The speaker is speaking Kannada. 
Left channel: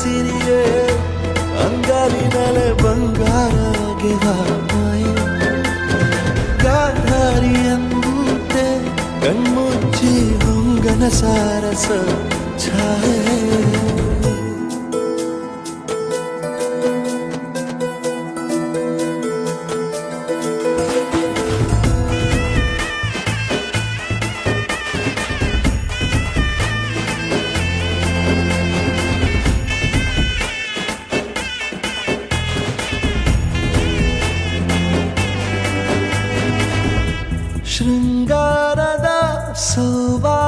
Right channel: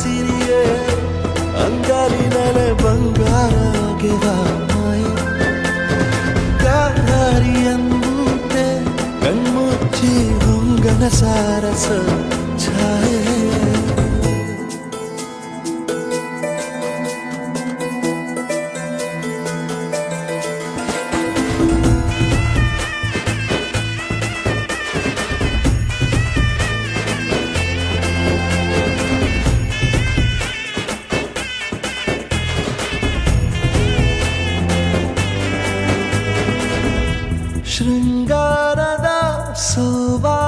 ಸಿರಿಯೇ ಅಂಗಾಲಿನಲೆ ಬಂಗಾರಗೆವ ಮಾಯೆ ಗಾಂಧಾರಿಯಂತೆ ಕಣ್ಮುಚ್ಚಿ ಹೊಂಗನ ಸಾರಸ ಛಾಯೆ ಶೃಂಗಾರದ ಸೋವಾ